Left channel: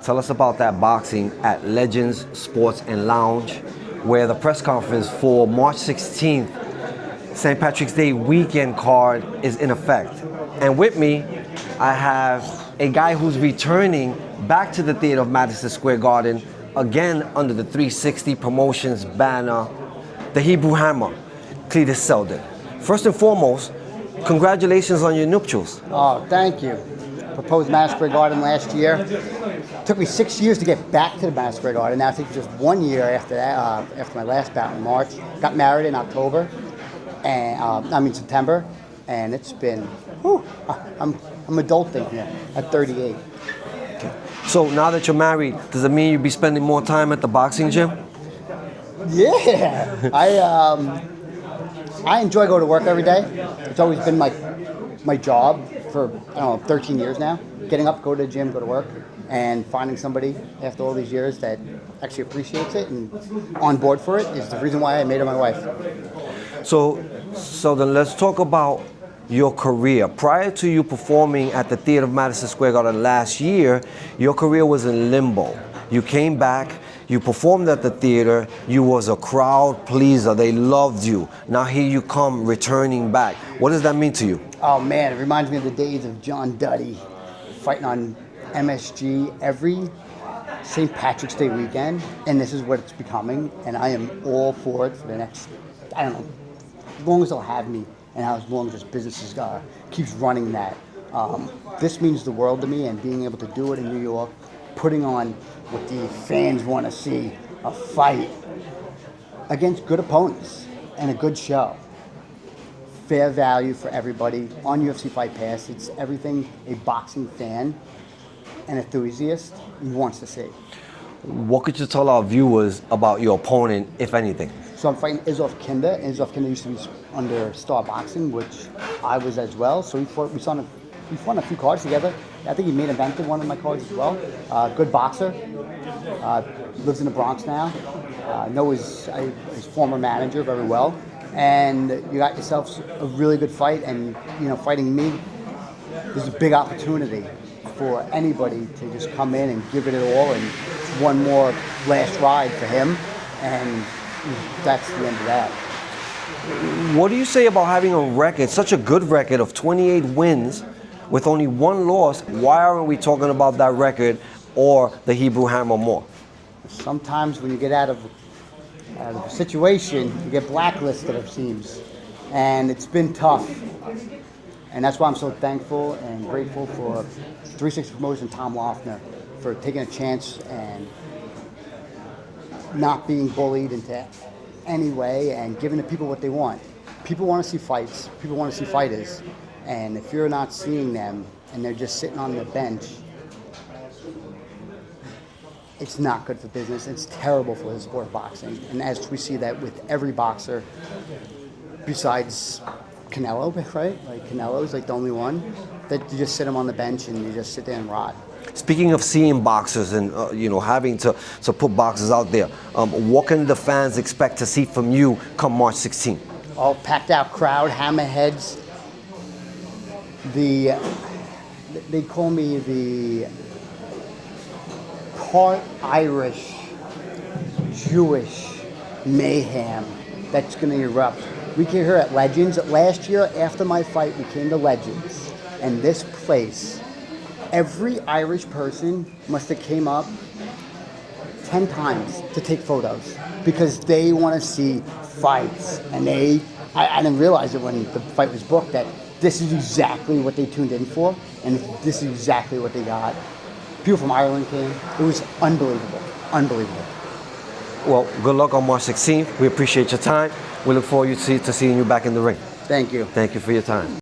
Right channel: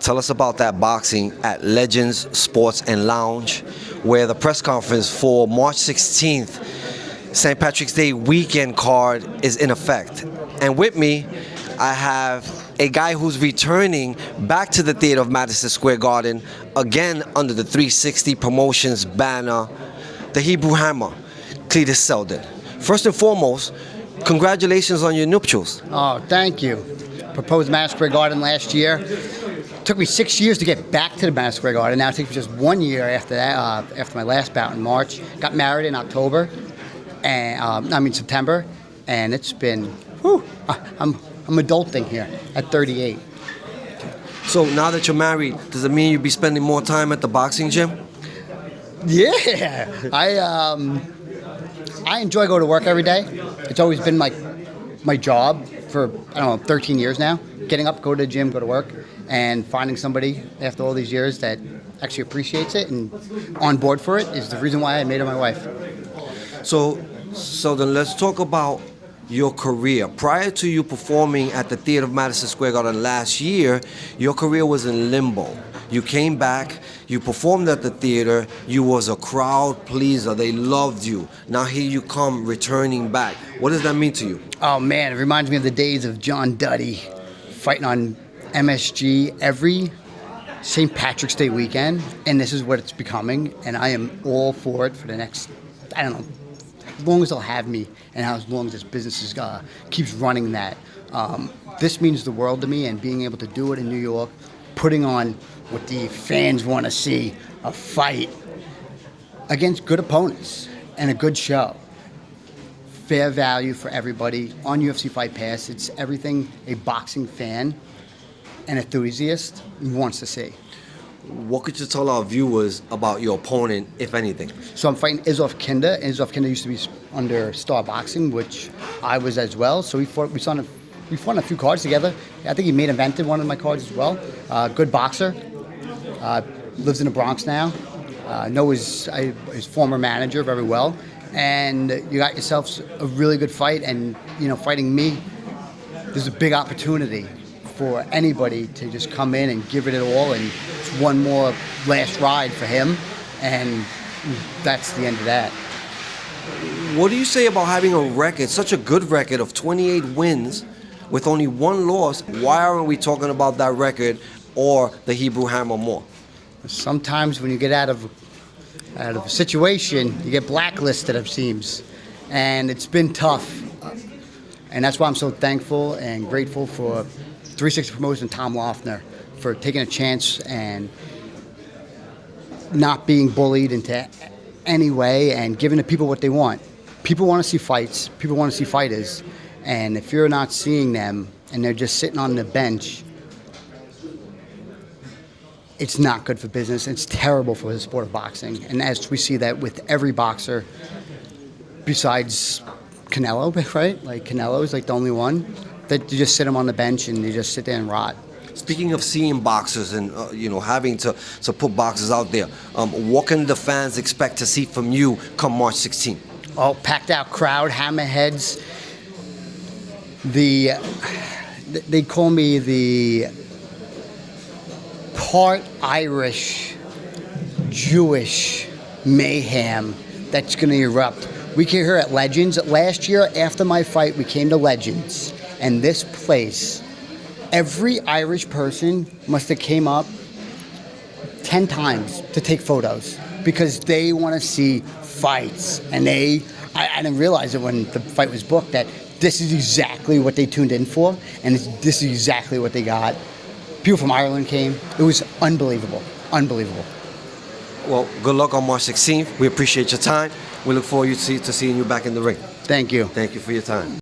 Tell us about that boxing at Legends Sports and Lounge, where the press conference for March 16th, St. Patrick's Day weekend card is in effect. And with me, I have a guy who's returning back to the theater of Madison Square Garden, again under the 360 Promotions banner, the Hebrew Hammer, Cletus Seldin. First and foremost, congratulations on your nuptials. Oh, thank you. Proposed Madison Square Garden last year. Took me 6 years to get back to the Madison Square Garden. Now it takes me just 1 year after that. After my last bout in March, got married in October, and September, and it's been. Whew, I'm adulting here at 38. So now that you're married, does it mean you'll be spending more time at the boxing gym? Yeah, I enjoy going to work every day. It's always been my job for 13 years now. Getting up, go to the gym, go to work, and finding somebody after all these years that actually appreciates it and on board for it is the reason why I made her my wife. So then let's talk about your career. Prior to you performing at the Theater of Madison Square Garden last year, your career was in limbo. You came back, you performed at the theater, you was a crowd pleaser, they loved you. Now here you come returning back. What does that mean to you? Oh man, it reminds me of the days of John Duddy fighting on MSG every St. Patrick's Day weekend, and this is what it's becoming, and I am all for it for the next, as long as they'll have me, and as long as this business keeps running that. This means the world to me, and being able to do it in New York, putting on what the fans want to see, a fight against good opponents and a good show. Fair value for everybody on UFC Fight Pass. It's everything a boxing fan and enthusiast wants to see. What could you tell our viewers about your opponent, if anything? So I'm fighting Izov Kinder. Izov Kinder used to be under Star Boxing, which I was as well. So we fought a few cards together. I think he main evented one of my cards as well. Good boxer. Lives in the Bronx now. Know his former manager very well. And you got yourself a really good fight. And fighting me, there's a big opportunity for anybody to just come in and give it all, and it's one more last ride for him, and that's the end of that. What do you say about having a record, such a good record of 28 wins with only one loss? Why aren't we talking about that record or the Hebrew Hammer more? Sometimes when you get out of a situation, you get blacklisted, it seems, and it's been tough. And that's why I'm so thankful and grateful for 360 Promotions and Tom Loeffner for taking a chance and not being bullied into any way and giving the people what they want. People want to see fights. People want to see fighters. And if you're not seeing them and they're just sitting on the bench, it's not good for business. It's terrible for the sport of boxing. And as we see that with every boxer besides Canelo, right? Like Canelo is like the only one that you just sit him on the bench and you just sit there and rot. Speaking of seeing boxers and having to put boxers out there, what can the fans expect to see from you come March 16th? All packed out crowd, hammerheads. They call me the part Irish, Jewish mayhem that's going to erupt. We came here at Legends. Last year, after my fight, we came to Legends. And this place, every Irish person must have came up 10 times to take photos because they want to see fights. And I didn't realize it when the fight was booked that this is exactly what they tuned in for, and this is exactly what they got. People from Ireland came. It was unbelievable. Unbelievable. Well, good luck on March 16th. We appreciate your time. We look forward to seeing you back in the ring. Thank you. Thank you for your time.